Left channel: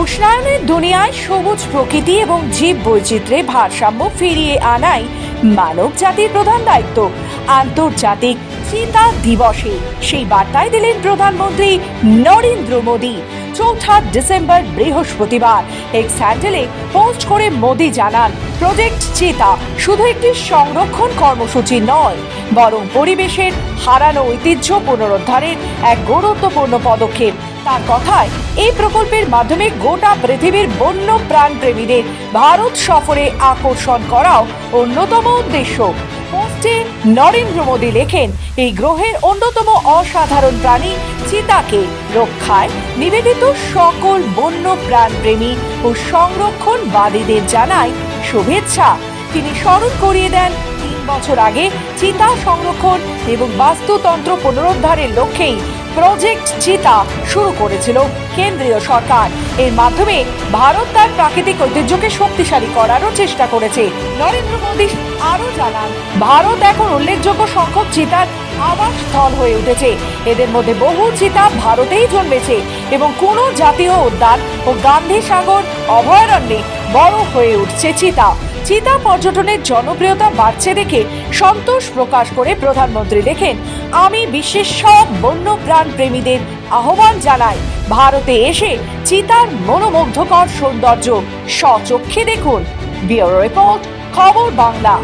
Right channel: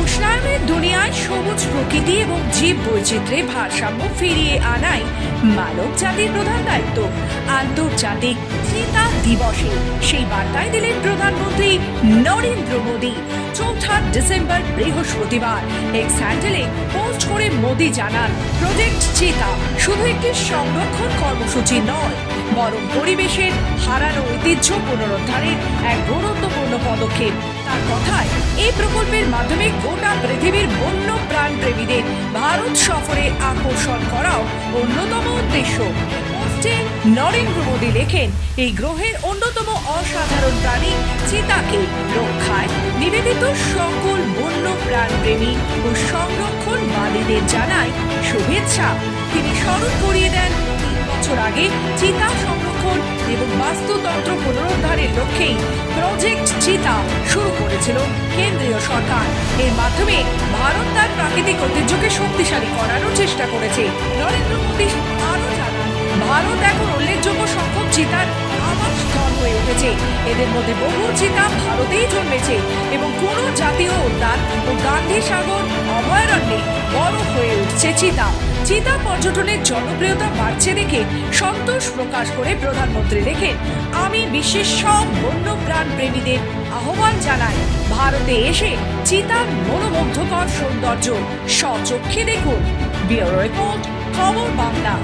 উষ্ণায়নের দুনিয়ায় সবুজ প্রকৃতি এবং জীব বৈচিত্র্যে ভারসাম্য ফিরিয়ে আনাই মানব জাতির প্রধান দায়িত্ব। আন্তর্জাতিক চিতা দিবসে সেই বার্তায় দিলেন প্রধানমন্ত্রী নরেন্দ্র মোদী। চৌঠা ডিসেম্বর বৃহস্পতিবার এক্স হ্যান্ডেলে পোস্ট করে মোদী জানান, প্রজেক্ট চিতা শুধু একটি সংরক্ষণ কর্মসূচি নয়, বরং পরিবেশের হারানো ঐতিহ্য পুনরুদ্ধারের এক গুরুত্বপূর্ণ পদক্ষেপ। তার কথায়, এই প্রকল্পের মাধ্যমে গোটা পৃথিবীর বন্য প্রাণপ্রেমীদের ভারত সফরে আকর্ষণ করাও অন্যতম উদ্দেশ্য। পোস্টে নরেন্দ্র মোদী লেখেন, এই গ্রহের অন্যতম অসাধারণ প্রাণী চিতাকে রক্ষায় নিবেদিত সকল বন্য প্রাণপ্রেমী ও সংরক্ষণবাদীদের জানায় শুভেচ্ছা। তিনি স্মরণ করিয়ে দেন বছর আগে চিতা সংরক্ষণ এবং বাস্তুতন্ত্র পুনরুদ্ধারের লক্ষ্যেই প্রজেক্ট চিতা শুরু করেছিল কেন্দ্রীয় সরকার। এর মাধ্যমে ভারত তার প্রাকৃতিক ঐতিহ্যকে শক্তিশালী করারও চেষ্টা করেছে। নরেন্দ্র মোদী আরও জানান, ভারত এখন উল্লেখযোগ্য সংখ্যক চিতার আবাস স্থল হয়ে উঠেছে। এদের মধ্যে বহু চিতা ভারতেই জন্মেছে এবং কোনো জাতীয় উদ্যান ও গান্ধী সাগর অভয়ারণ্যে বড় হয়ে উঠছে চিতা। চিতা পর্যটনের জনপ্রিয়তা বাড়ছে দেখে সন্তোষ প্রকাশ করে প্রধানমন্ত্রী লেখেন, আমি বিশ্বের সব বন্য প্রাণ প্রেমীদের আহ্বান জানাই। ভারতে এসে চিতার মনোমুগ্ধকর সৌন্দর্য স্বচক্ষে দেখুন। ব্যুরো রিপোর্ট, খবর বাংলা।